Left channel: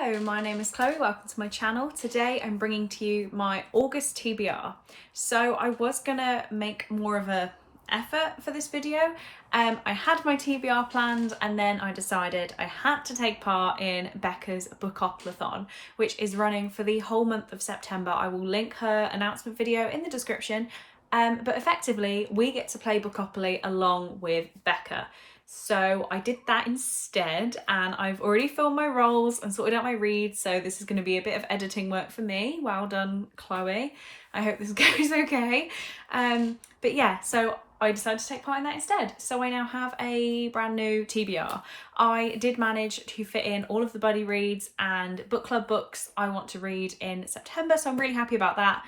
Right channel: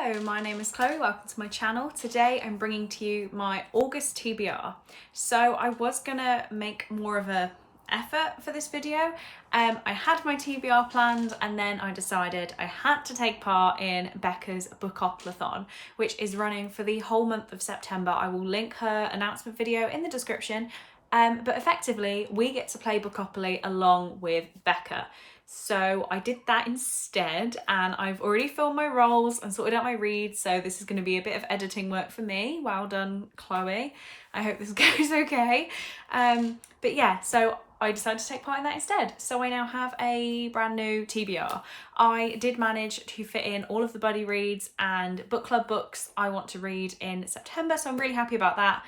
Hello, my name is Chloe, welcome to my channel. Today I'm bringing to you my August TBR. So I was gonna make more of a effort for this video. I had my TBR planned and then I decided I had to take part in Becca's Bookoplathon, which is running for the whole month of September. I will link her announcement video in the description, but effectively we get to play Bookopoly along with Becca. So I did that instead, and I've already filmed my roles and sorted out my reads, so this is going to be a bit of editing work for me. Well done, Chloe. I hope this goes okay. But yeah, so I decided to take part in that instead. So I now have a brand new TBR. I did manage to fit in all of the buddy reads and book club books I want to read in September, so I'm really happy about that.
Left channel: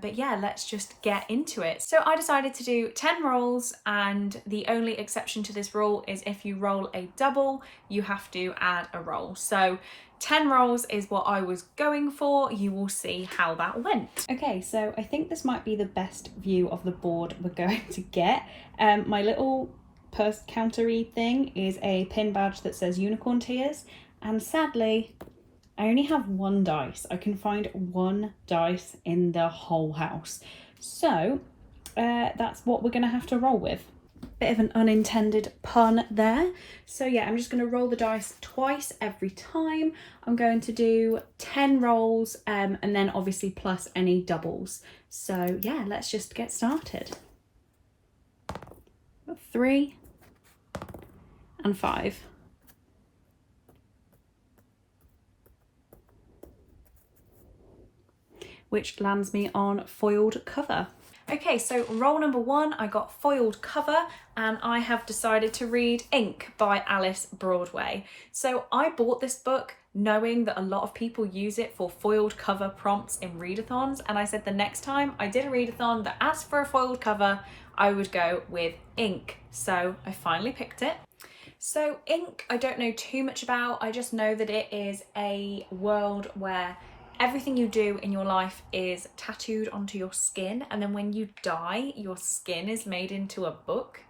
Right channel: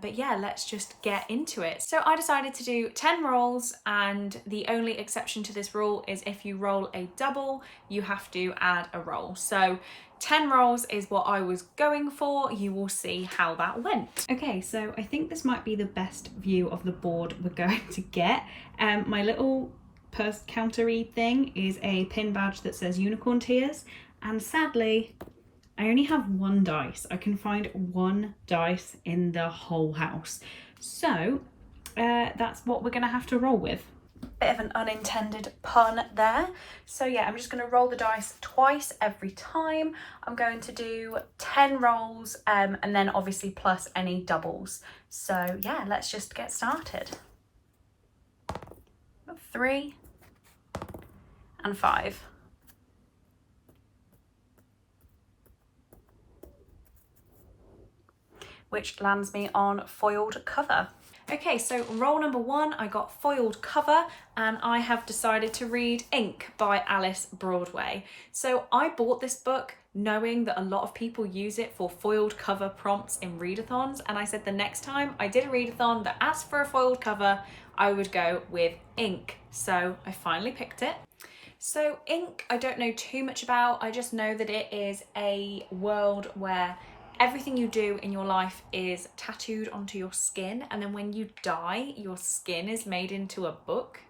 But yeah, let's just get into it. So I decided to do 10 rolls, and the only exception to this rule is if you roll a double, you have to add a roll. So 10 rolls is what I was going for. You will see how that went. Okay, so I think this might be the best view of the board we're going to get. My little purse countery thing is a pin badge that says Unicorn Tears, and sadly, I only have one dice. I can find one dice in the whole house. So that's what we're gonna have to roll with. Bit of an unintended pun there. So yeah, I'm just gonna roll the dice twice every time. I'm going to do 10 rolls and then obviously plus any doubles. So yeah, let's just get started. 3 and 5. Which lands me on foiled cover. Okay, so roll number 1, I got foiled cover, and I have decided to read Ink by Alice Broadway. So I bought this book knowing that a lot of people use it for foiled cover prompts in readathons, and I said the next time I did a readathon that asked for a foiled cover, I would go with Ink. So I finally picked it. So Ink, I don't know too much about. I just know that it is a world where everything you do in your life is tattooed onto your skin, and then when you die, your skin is made into a book.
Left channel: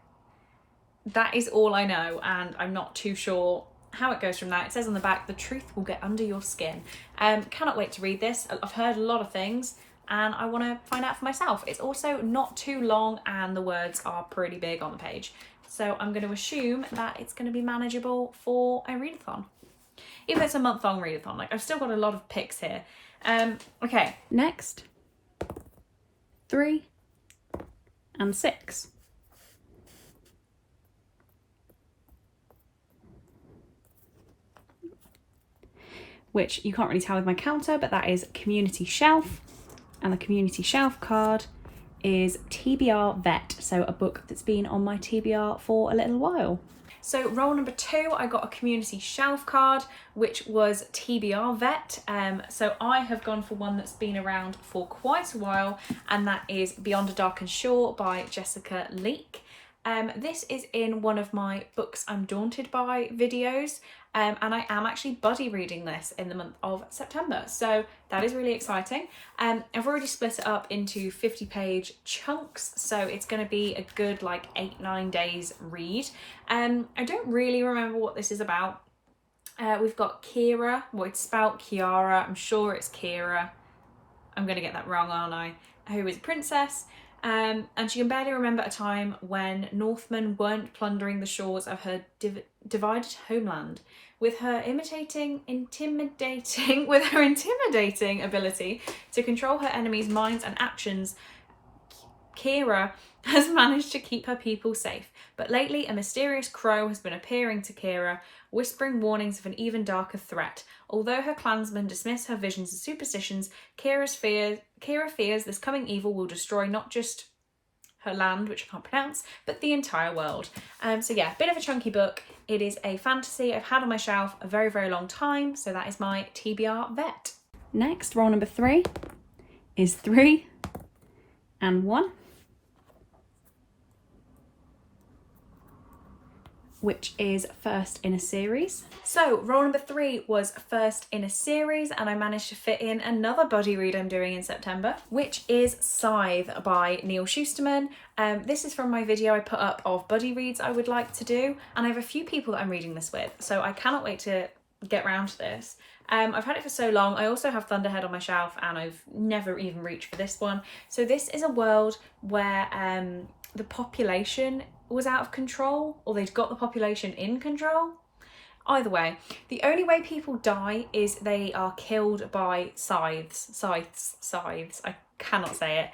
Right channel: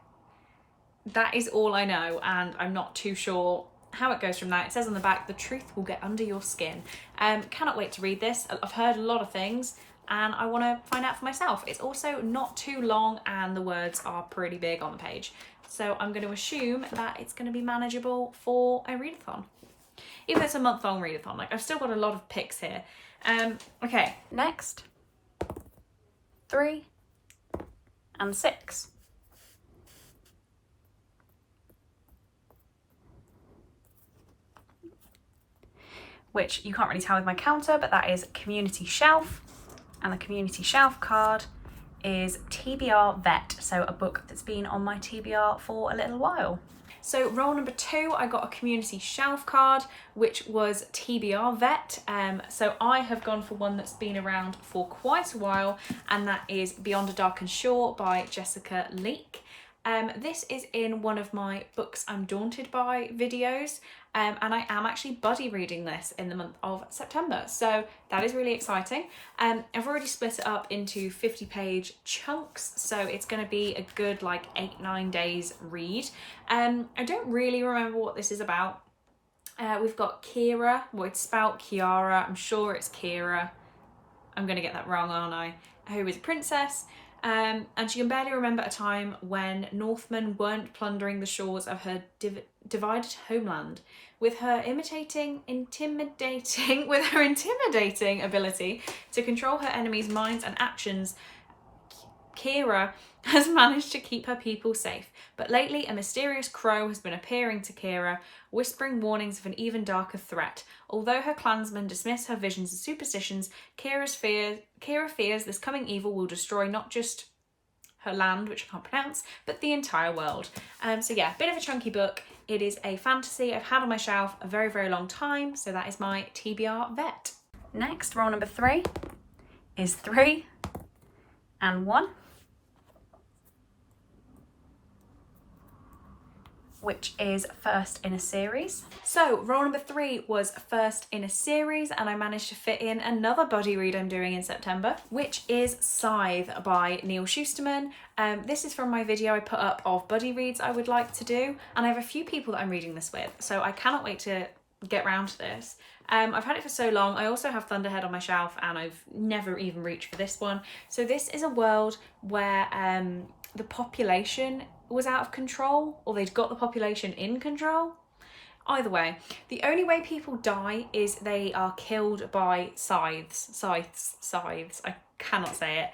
That is all I know, and I'm not too sure how it goes from that. It says on the back, the truth will get under your skin. Cannot wait to read this. I've heard a lot of things, and I want to find out for myself. It's also not too long, and the words are pretty big on the page. So I'm going to assume that it's going to be manageable for a readathon. Even though it's a month-long readathon, like I've still got a lot of picks here. Okay, next, 3 and 6. Which you can't really tell with my counter, but that is Community Shelf, and the Community Shelf card is TBR Vet, so a book that's been on my TBR for a little while. So roll number 2, I got a Community Shelf card, which was TBR Vet. So I have gone for one that's been around for quite a while, and that is Beyond a Darkened Shore by Jessica Leake. This is in one of my Books I'm Daunted By videos, and I am actually buddy reading this in the month of September, so that is really exciting. I've already split it up into 50-page chunks, so it's going to be a good like 8-9 days read. I don't really remember what this is about. We've got Kira, well it's spelled Kiara, I'm sure it's Kira, I'm going to get that wrong, aren't I, who is a princess. And she can barely remember a time when Northmen weren't plundering the shores of her divided homeland. With her intimidating ability to control her enemies' minds and actions, Kira has managed to keep her people safe. But lately, a mysterious crow has been appearing to Kira, whispering warnings of an even darker threat. Although her clansmen dismiss her visions as superstitions, Kira fears this coming evil will destroy not just her land, which I can't pronounce, but the entire world. So yeah, bit of a chunky book. It is a fantasy I've had on my shelf a very, very long time, so that is my TBR Vet. Next, roll number 3 is 3 and 1. Which is first in a series. So roll number 3 was first in a series, and I managed to fit in another buddy read I'm doing in September, which is Scythe by Neil Schusterman. This is from my video I put up of buddy reads I would like to do, and I have a few people that I'm reading this with, so I cannot wait to get round to this. I've had it for so long. I also have Thunderhead on my shelf and I've never even reached for this one. So this is a world where the population was out of control, or they'd got the population in control. Either way, the only way people die is they are killed by scythes. I cannot say it.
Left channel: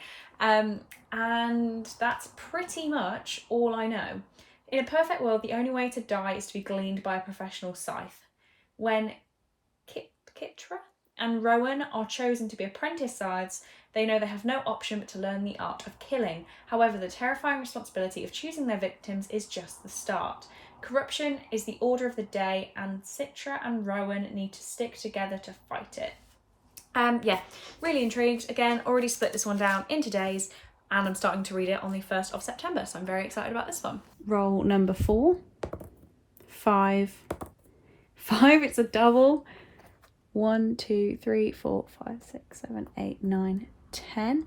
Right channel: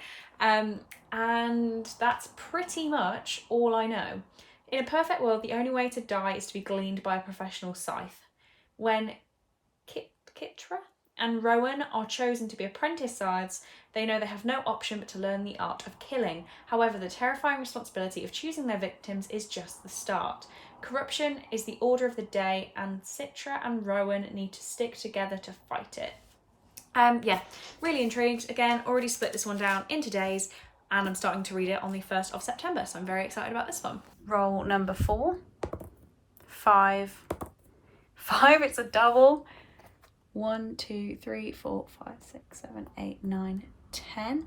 And that's pretty much all I know. In a perfect world, the only way to die is to be gleaned by a professional scythe. When Kitra and Rowan are chosen to be apprentice scythes, they know they have no option but to learn the art of killing. However, the terrifying responsibility of choosing their victims is just the start. Corruption is the order of the day, and Citra and Rowan need to stick together to fight it. Yeah, really intrigued. Again, already split this one down into days, and I'm starting to read it on the 1st of September, so I'm very excited about this one. Roll number 4, 5, it's a double. 1, 2, 3, 4, 5, 6, 7, 8, 9, 10.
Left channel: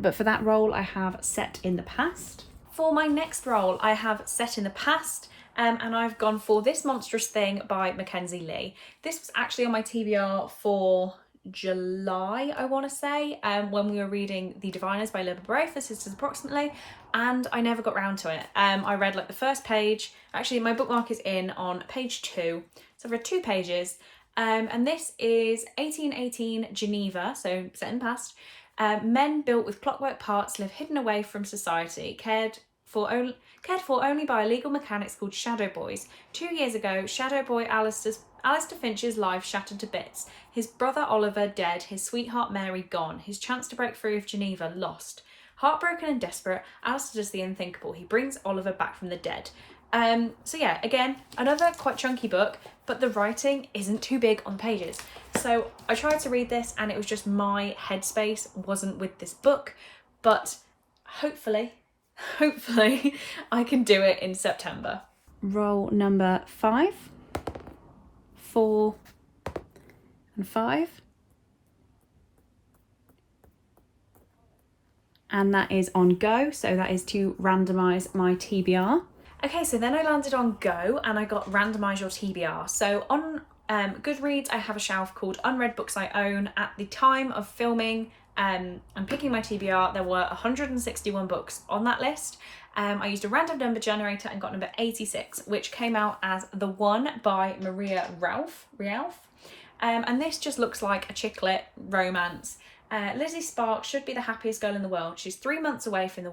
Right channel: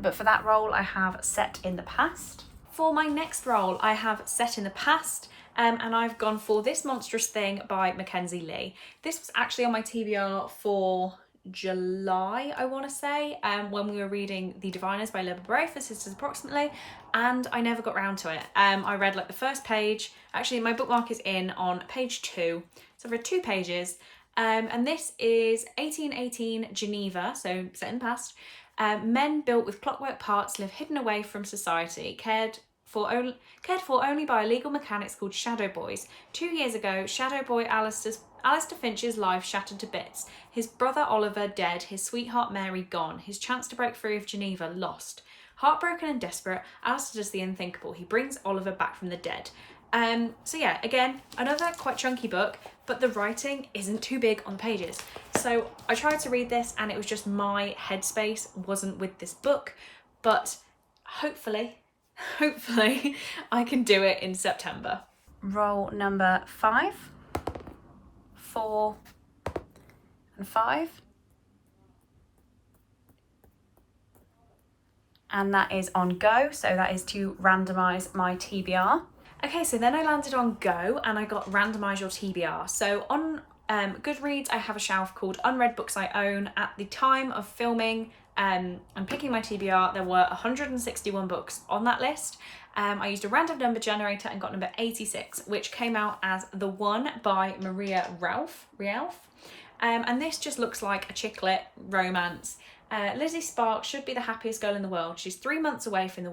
But for that roll, I have Set in the Past. For my next roll, I have Set in the Past, and I've gone for This Monstrous Thing by Mackenzie Lee. This was actually on my TBR for July, I want to say, when we were reading The Diviners by Libba Bray for Sisters Approximately, and I never got round to it. I read like the first page. Actually, my bookmark is in on page 2, so I've read 2 pages. And this is 1818 Geneva, so set in the past. Men built with clockwork parts live hidden away from society, cared for only by illegal mechanics called Shadow Boys. 2 years ago, Shadow Boy Alistair Finch's life shattered to bits. His brother Oliver dead, his sweetheart Mary gone, his chance to break free of Geneva lost. Heartbroken and desperate, Alistair does the unthinkable. He brings Oliver back from the dead. So yeah, again, another quite chunky book, but the writing isn't too big on the pages. So I tried to read this and it was just my headspace wasn't with this book, but hopefully I can do it in September. Roll number 5, 4, and 5. And that is on Go, so that is to randomise my TBR. Okay, so then I landed on Go and I got Randomise Your TBR. So on Goodreads, I have a shelf called Unread Books I Own. At the time of filming and picking my TBR, there were 161 books on that list. I used a random number generator and got number 86, which came out as The One by Maria Ralph. And this just looks like a chick lit romance. Lizzie Sparks should be the happiest girl in the world. She's 3 months away from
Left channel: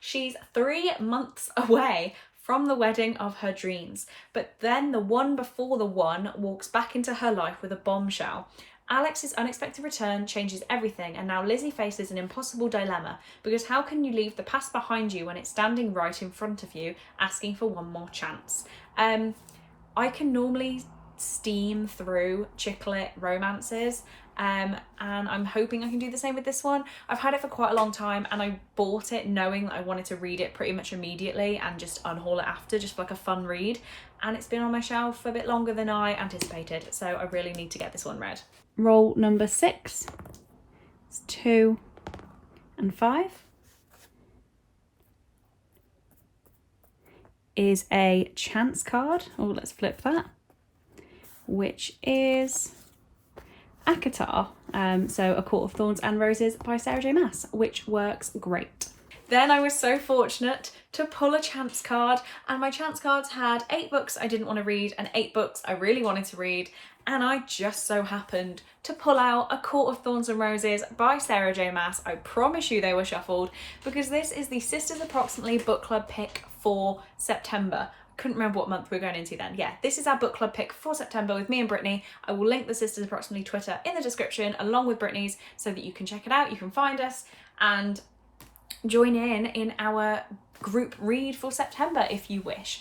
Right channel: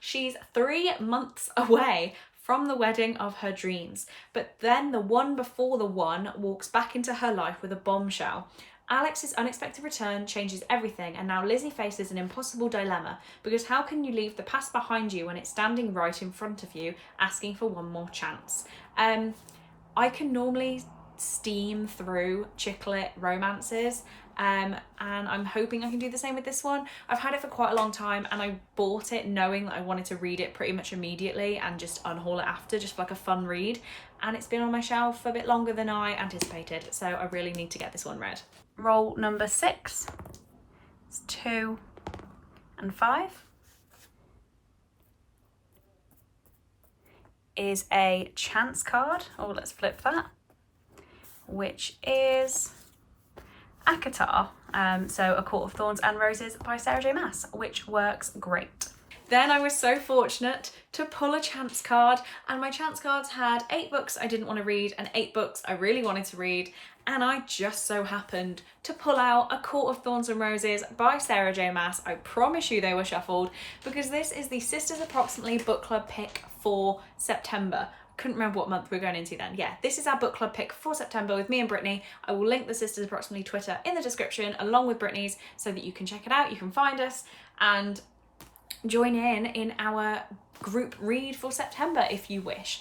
She's 3 months away from the wedding of her dreams. But then the one before the one walks back into her life with a bombshell. Alex's unexpected return changes everything, and now Lizzie faces an impossible dilemma, because how can you leave the past behind you when it's standing right in front of you, asking for one more chance? I can normally steam through chick lit romances, and I'm hoping I can do the same with this one. I've had it for quite a long time and I bought it knowing that I wanted to read it pretty much immediately and just unhaul it after, just for like a fun read, and it's been on my shelf a bit longer than I anticipated, so I really need to get this one read. Roll number 6, it's 2 and 5, is a chance card. Oh, let's flip that, which is Akatar, so A Court of Thorns and Roses by Sarah J Maas, which works great. Then I was so fortunate to pull a chance card, and my chance cards had 8 books I didn't want to read and 8 books I really wanted to read, and I just so happened to pull out A Court of Thorns and Roses by Sarah J Maas. I promise you they were shuffled, because this is the Sisters Approximately book club pick for September. Couldn't remember what month we're going into then. Yeah, this is our book club pick for September with me and Brittany. I will link the Sisters Approximately Twitter in the description along with Brittany's so that you can check it out, you can find us and join in our group read for September if you wish.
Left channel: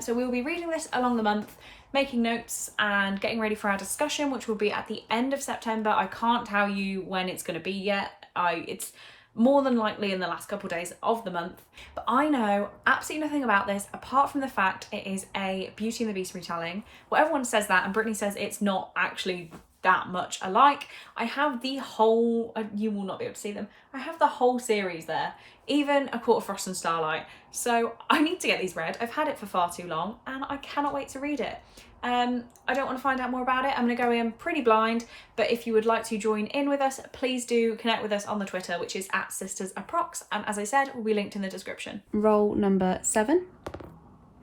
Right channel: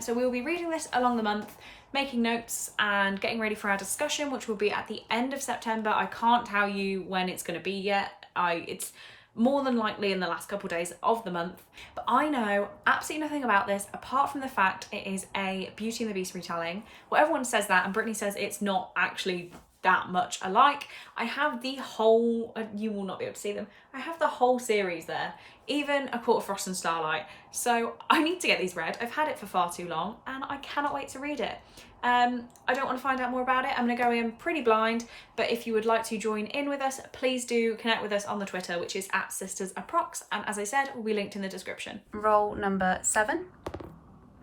So we'll be reading this along the month, making notes and getting ready for our discussion, which will be at the end of September. I can't tell you when it's going to be yet. It's more than likely in the last couple of days of the month, but I know absolutely nothing about this apart from the fact it is a Beauty and the Beast retelling. Well, everyone says that, and Brittany says it's not actually that much alike. I have the whole, you will not be able to see them, I have the whole series there, even A Court of Frost and Starlight. So I need to get these read. I've had it for far too long and I cannot wait to read it. I don't want to find out more about it. I'm going to go in pretty blind, but if you would like to join in with us, please do connect with us on the Twitter, which is @sistersapprox, and as I said, will be linked in the description. Roll number 7,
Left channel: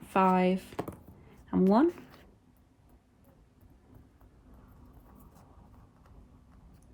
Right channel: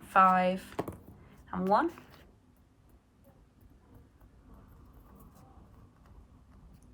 5 and 1.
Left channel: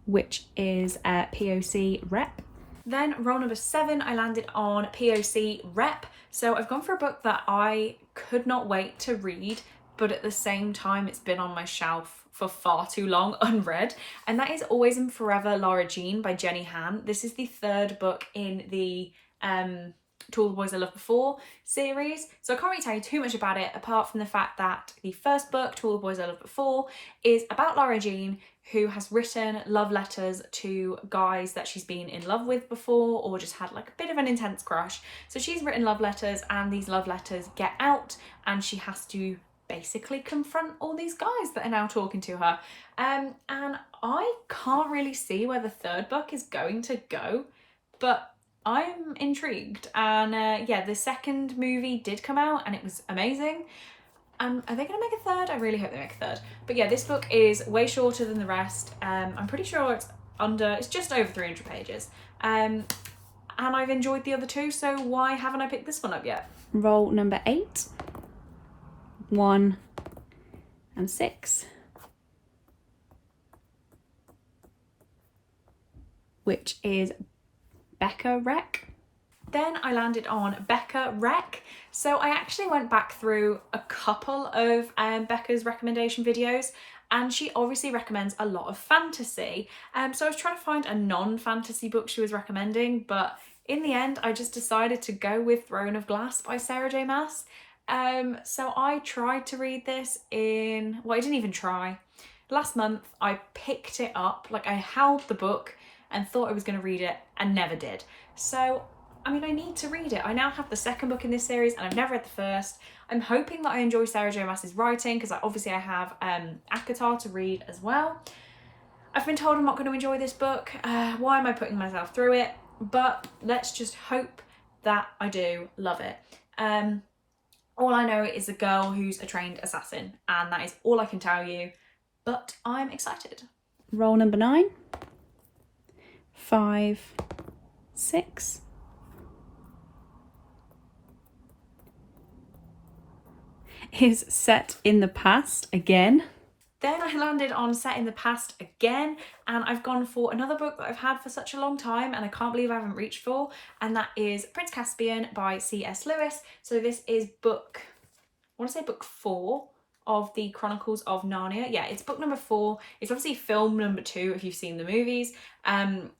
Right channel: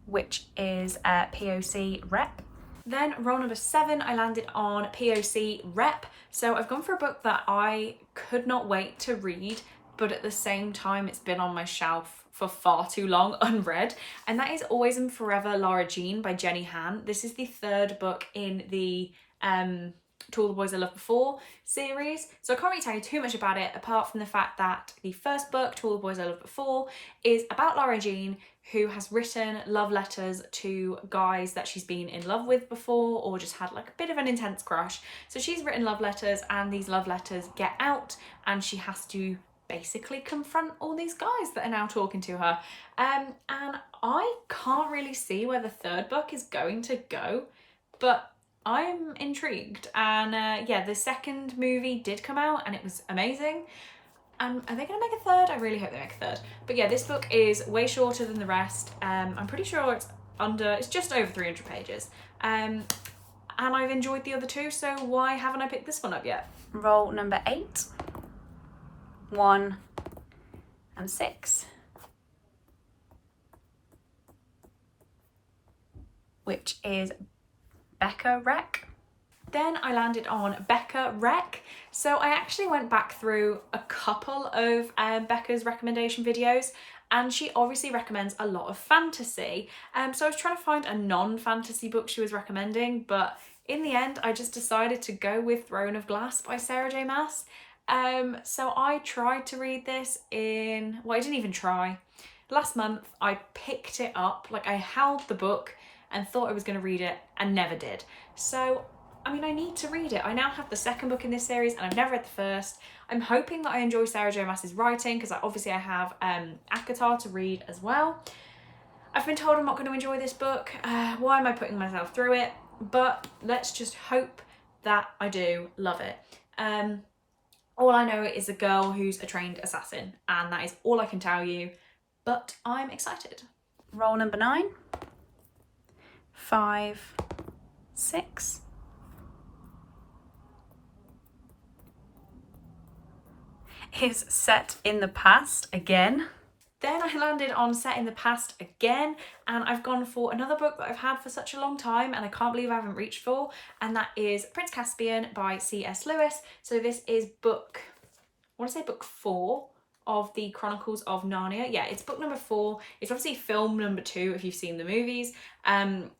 Which is POC rep. Then roll number 7, I landed on POC rep. So I've gone for a book that I could not wait to read, but at the same time it's been on my shelf for far too long unread, and that is Always and Forever Lara Jean by Jenny Han. This is the 3rd book in the To All the Boys I Loved Before series, so I can't really tell you too much about it apart from the fact that the first book, To All the Boys I Loved Before, is about Lara Jean, who has written love letters to guys that she's been in love with before or just had like a bit of an intense crush. So she's written love letters and these love letters get out and she has to basically confront all these guys that are now talking to her. And I can't really see where the 3rd book is going to go, but I'm intrigued. And yeah, the 2nd movie did come out and it was amazing. Are they going to make a 3rd? I really hope they make a 3rd. But yeah, this book is way shorter than the rest. I'm pretty sure it's just over 300 pages. And I've enjoyed the other 2, so why haven't I picked this one up yet? Roll number 8, 1 and 6. Which is Becca Wreck. Then I landed on Becca Wreck. So I actually went back through a couple of Becca's recommendation videos, and she obviously recommends a lot of fantasy. So I was trying to find a non-fantasy book she was recommending, but in the end I just decided to go with Throne of Glass by Sarah J Maas. So I tried to read this I didn't even try. Last month I picked it up, like I held the book and thought I was going to read it and never did. So I mean, I need to read it. I now have the 2nd book in this series and I've never read the 1st. I'm hoping that I enjoy Sarah J Maas's writing because obviously I have Akatar to read as well. I've been told I'm not going to enjoy this book. Why am I putting myself through it? But let's just hope that I do love it. All I know is a girl who's a trained assassin, and that is all I can tell you, but I'm excited. Roll number 9, 5, 6. Is Set in the Past again. Then I landed on Set in the Past again, and I've gone for another book that I've had for such a long time and I can't believe I haven't reached for, and that is Prince Caspian by C.S. Lewis. So this is book 4 of the Chronicles of Narnia. Yeah, it's book number 4. It's obviously film number 2 if you've seen the movies. I've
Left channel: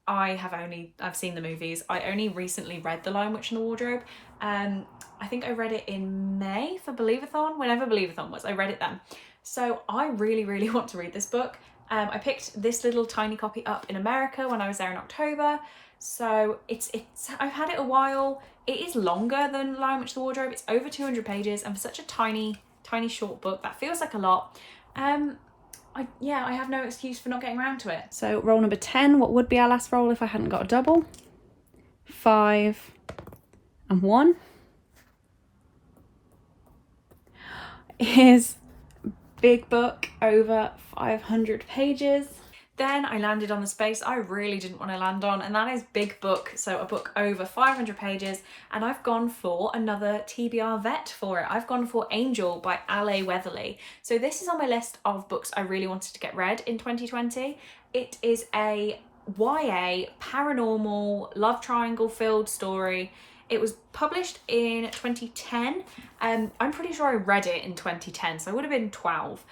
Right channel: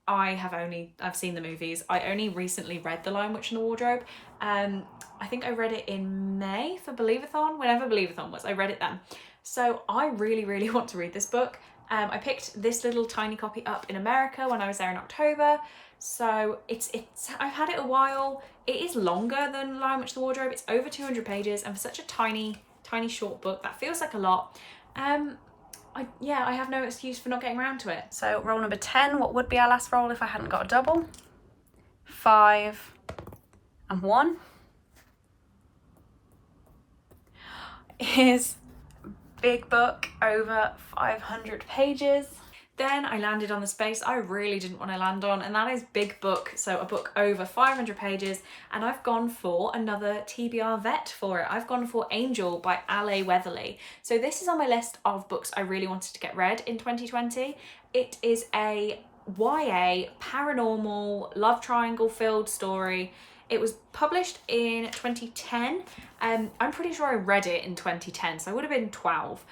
seen the movies. I only recently read The Lion, Witch and the Wardrobe. I think I read it in May for Believathon, whenever Believathon was, I read it then. So I really, really want to read this book. I picked this little tiny copy up in America when I was there in October. So I've had it a while. It is longer than Lion, Witch and the Wardrobe. It's over 200 pages, and for such a tiny short book, that feels like a lot. I have no excuse for not getting around to it. So roll number 10, what would be our last roll if I hadn't got a double? 5 and 1. Is big book, over 500 pages. Then I landed on the space I really didn't want to land on, and that is big book, so a book over 500 pages, and I've gone for another TBR vet for it. I've gone for Angel by Ale Weatherly. So this is on my list of books I really wanted to get read in 2020. It is a YA paranormal love triangle filled story. It was published in 2010. I'm pretty sure I read it in 2010, so I would have been 12.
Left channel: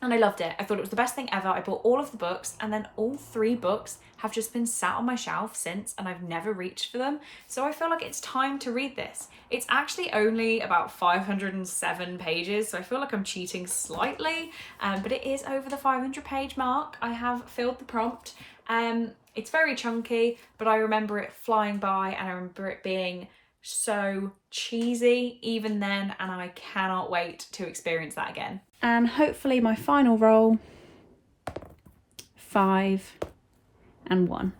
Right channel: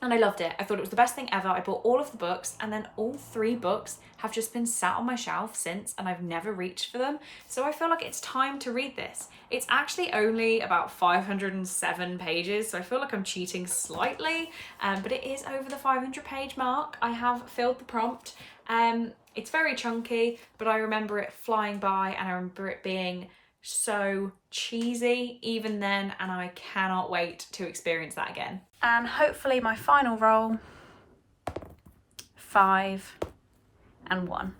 And I loved it. I thought it was the best thing ever. I bought all of the books, and then all 3 books have just been sat on my shelf since, and I've never reached for them. So I feel like it's time to read this. It's actually only about 507 pages, so I feel like I'm cheating slightly, but it is over the 500 page mark. I have filled the prompt. It's very chunky, but I remember it flying by, and I remember it being so cheesy even then, and I cannot wait to experience that again. And hopefully my final roll 5 and 1.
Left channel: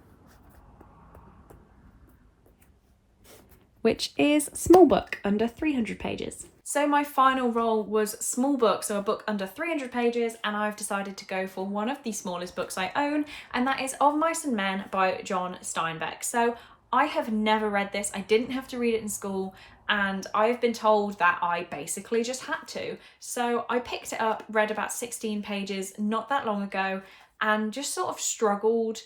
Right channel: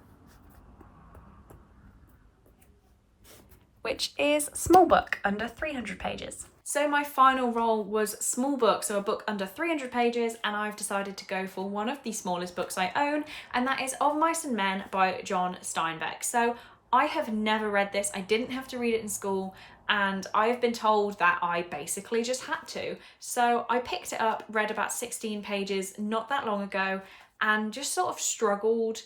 Which is small book, under 300 pages. So my final roll was small book, so a book under 300 pages, and I've decided to go for one of the smallest books I own, and that is Of Mice and Men by John Steinbeck. So I have never read this, I didn't have to read it in school, and I have been told that I basically just had to. So I picked it up, read about 16 pages not that long ago, and just sort of struggled.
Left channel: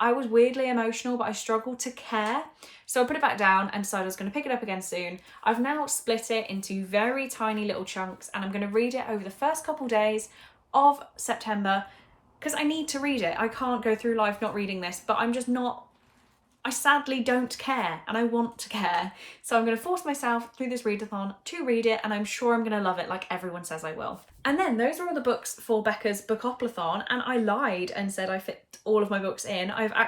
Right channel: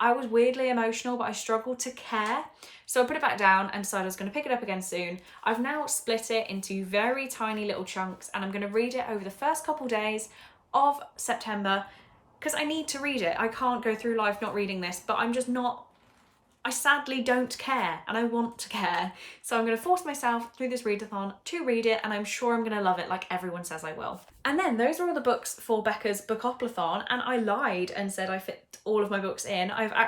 I was weirdly emotional, but I struggled to care. So I put it back down and decided I was going to pick it up again soon. I've now split it into very tiny little chunks, and I'm going to read it over the first couple days of September because I need to read it. I can't go through life not reading this, but I'm just not, I sadly don't care, and I want to care. So I'm going to force myself through this readathon to read it, and I'm sure I'm going to love it like everyone says I will. And then those are all the books for Becca's Bookoplathon, and I lied and said I fit all of my books in. I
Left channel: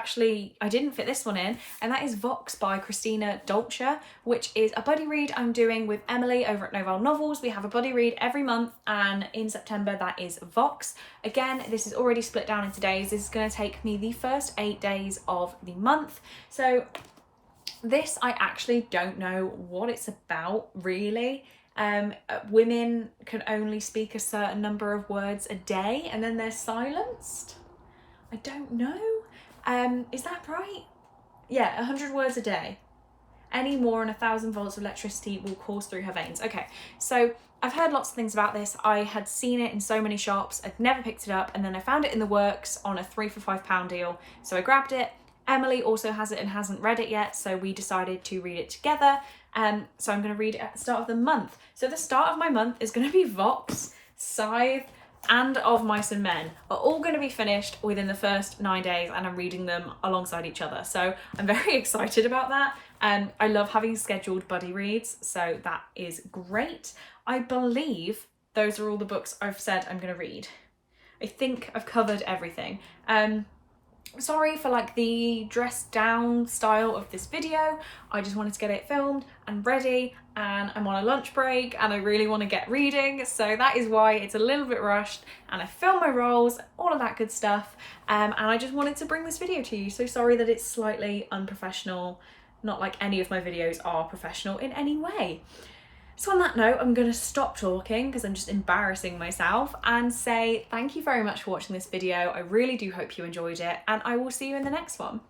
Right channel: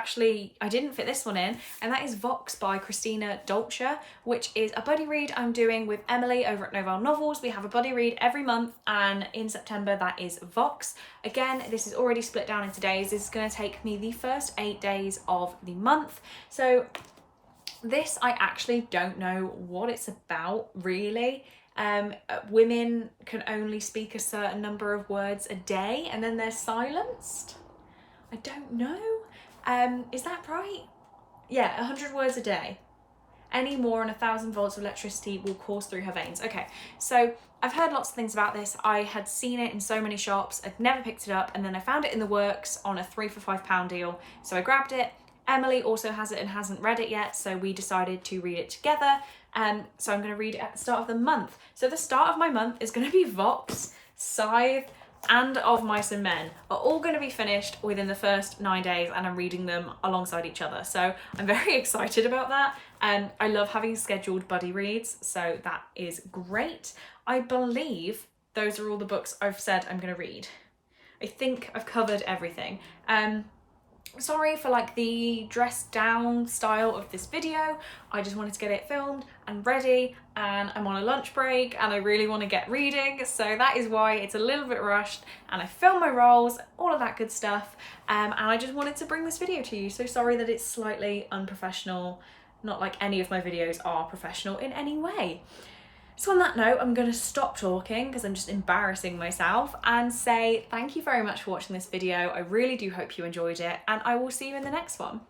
didn't fit this one in, and that is Vox by Christina Dolce, which is a buddy read I'm doing with Emily over at Novelle Novels. We have a buddy read every month, and in September that is Vox. Again, this is already split down into days. This is going to take me the first 8 days of the month. So this, I actually don't know what it's about really. Women can only speak a certain number of words a day and then they're silenced. I don't know. Is that right? Yeah, 100 words a day. Any more and 1,000 volts of electricity will course through her veins. Okay, so I've heard lots of things about this. I had seen it in so many shops. I'd never picked it up, and then I found it in the works on a 3 for £5 deal. So I grabbed it. Emily also has it and hasn't read it yet, so we decided to read it together. So I'm going to read it at the start of the month. So the start of my month is going to be Vox, Scythe, and Of Mice and Men are all going to be finished within the first 9 days, and I'm reading them alongside each other. So I'm very excited about that. I love having scheduled buddy reads, so that is great. I believe those are all the books I've said I'm going to read. I think I've covered everything. Sorry for like the dressed down style of this video. I just wanted to get it filmed and ready, and I'm on a lunch break and I really want to get reading, so that is why it's a little bit rushed, and I filmed my rolls, all of that good stuff, and I just wanted to bring this video to you. So sorry that it's slightly unprofessional, not like any of my videos are professional in any way. So on that note, I'm going to stop talking because I'm just embarrassing myself and say thank you very much for watching this video. I really do hope you enjoyed it, and I will see you in the next one.